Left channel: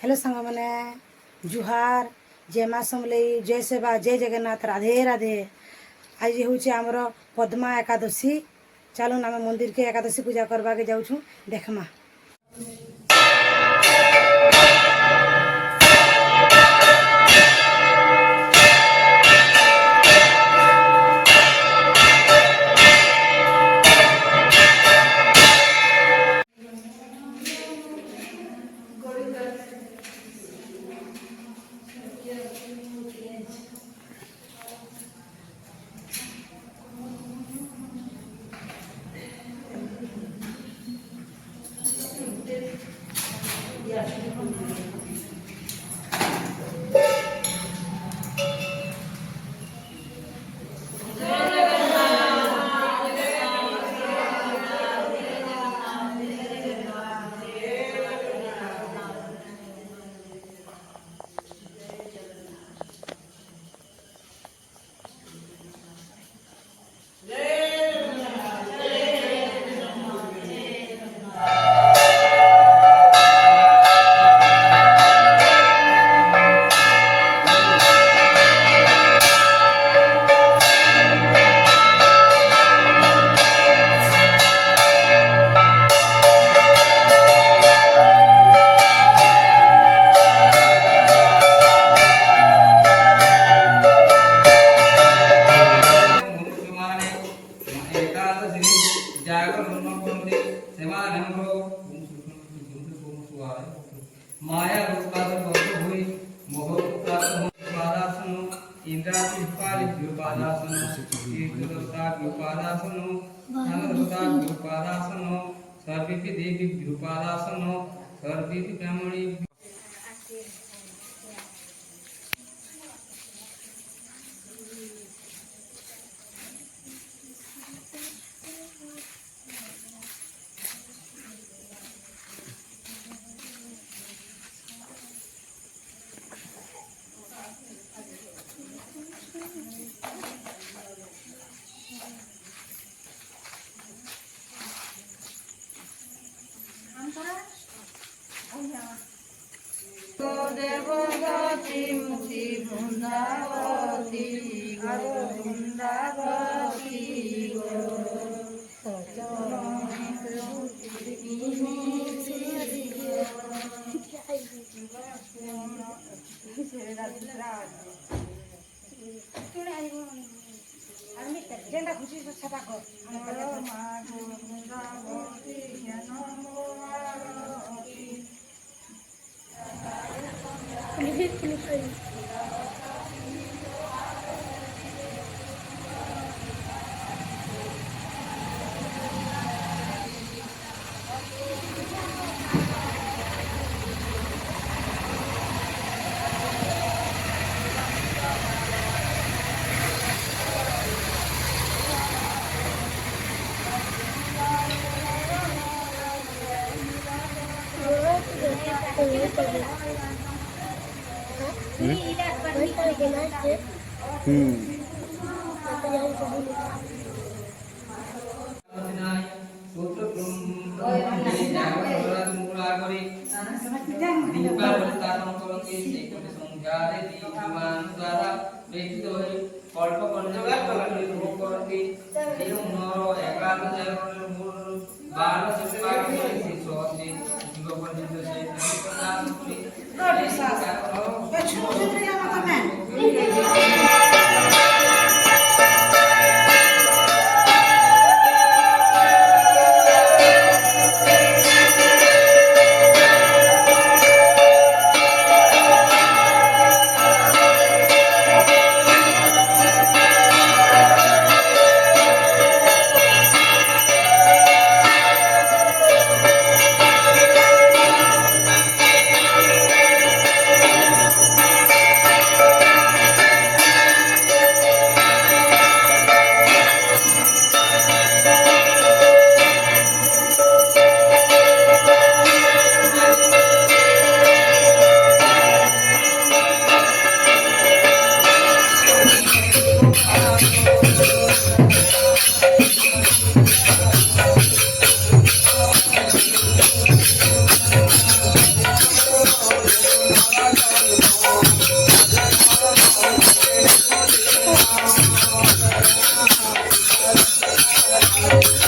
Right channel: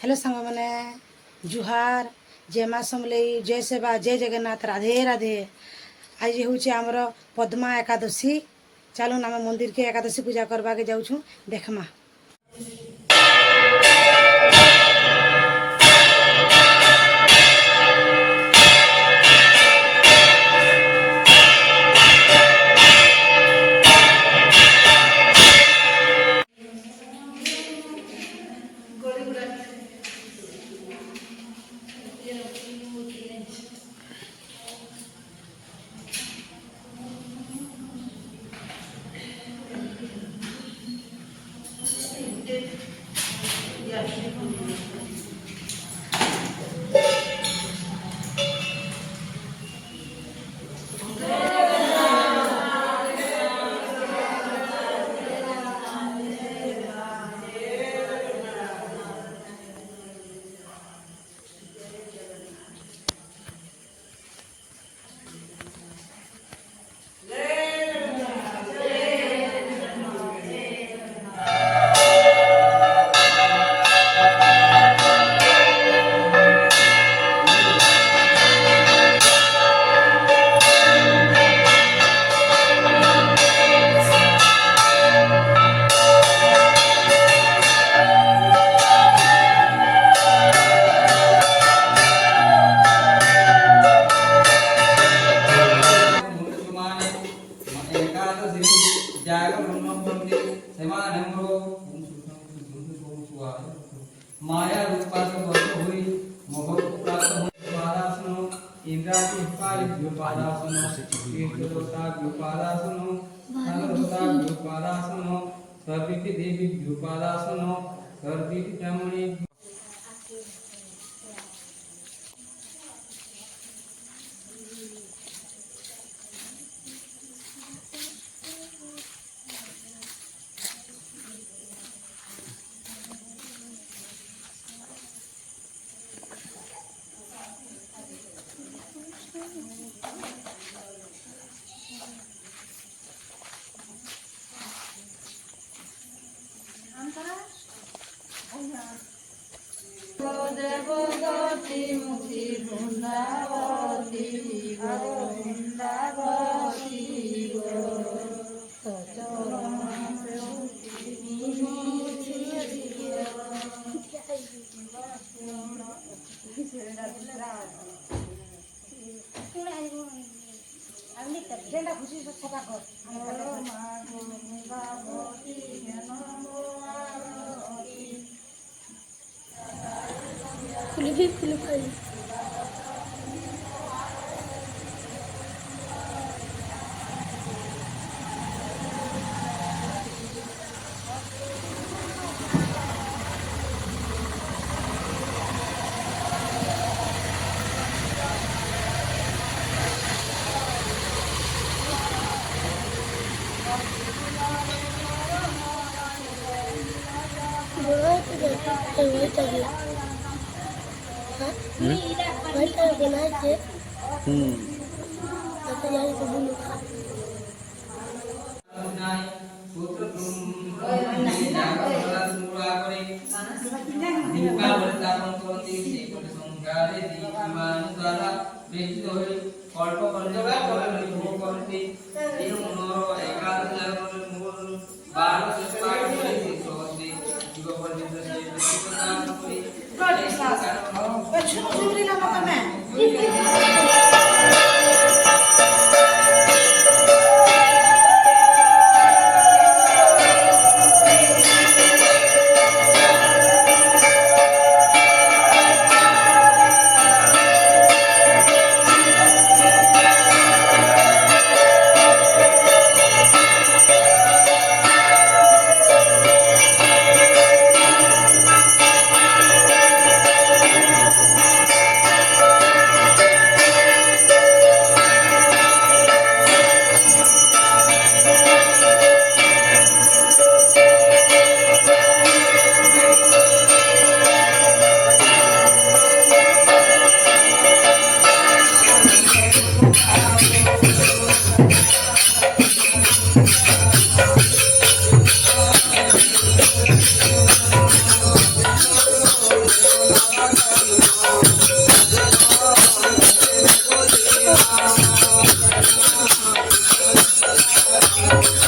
Hello सांग मैंने जुहार जय माँ समलेई जय सेवा जय जगन्नाथ राधे राधे। आज हूँ आमर पद्मा एकादशी। चलून आम मंदिर के एकादशी पूजा करवा के जाऊँ देखमा। माया रूपात हुई मोह प्राप्त इंद्रादी व्युपादासनो देवता व्युपादासनो धनवता व्युपादासनो सर्वेपि देवी व्युपादासनो सर्वेपि ब्राह्मणी। देवगति मुक्ति वृंदावती गो वृंदावती गो झंडा खुशी से छपा कर बृंदावती